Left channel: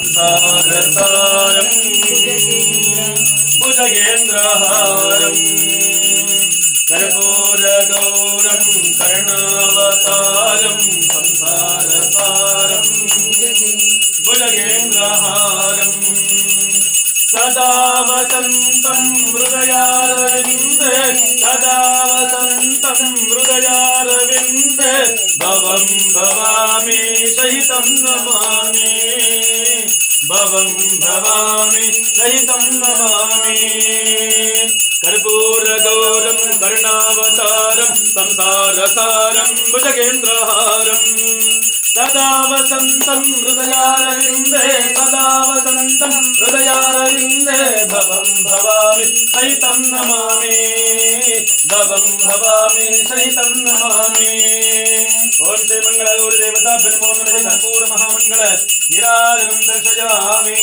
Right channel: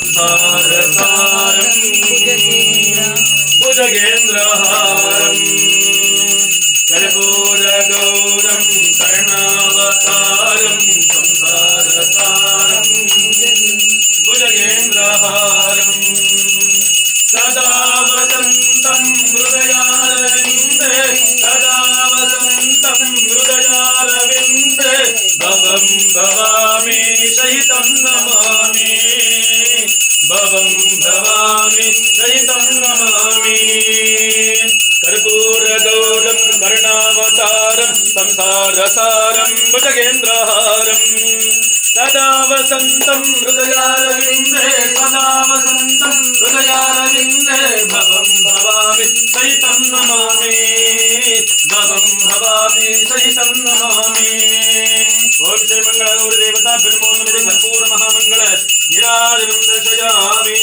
സംസാരസാരം ഭുജഗേന്ദ്രഹാരം കരപൂരഗൗരം കരുണാവതാരം സംസാരസാരം ഭുജഗേന്ദ്രഹാരം സദാ വസന്തം ഹൃദയാരവിന്ദേ സദാ വസന്തം ഹൃദയാരവിന്ദേ ഭവം ഭവാമി സഹിതം നമാമി. ഭവം ഭവാമി സഹിതം നമാമി കർപ്പൂരഗൗരം കരുണാവതാരം സംസാരസാരം ഭുജഗേന്ദ്രഹാരം സദാ വസന്തം ഹൃദയാരവിന്ദേ സദാ വസന്തം ഹൃദയാരവിന്ദേ ഭവം ഭവാമി സഹിതം നമാമി ഭവം ഭവാമി സഹിതം നമാമി ഓം ശ്രീ ഗൗരി பெருமோந்தனை கற்பூர மகாமங்கள நிராஜனம் தர்சயாமே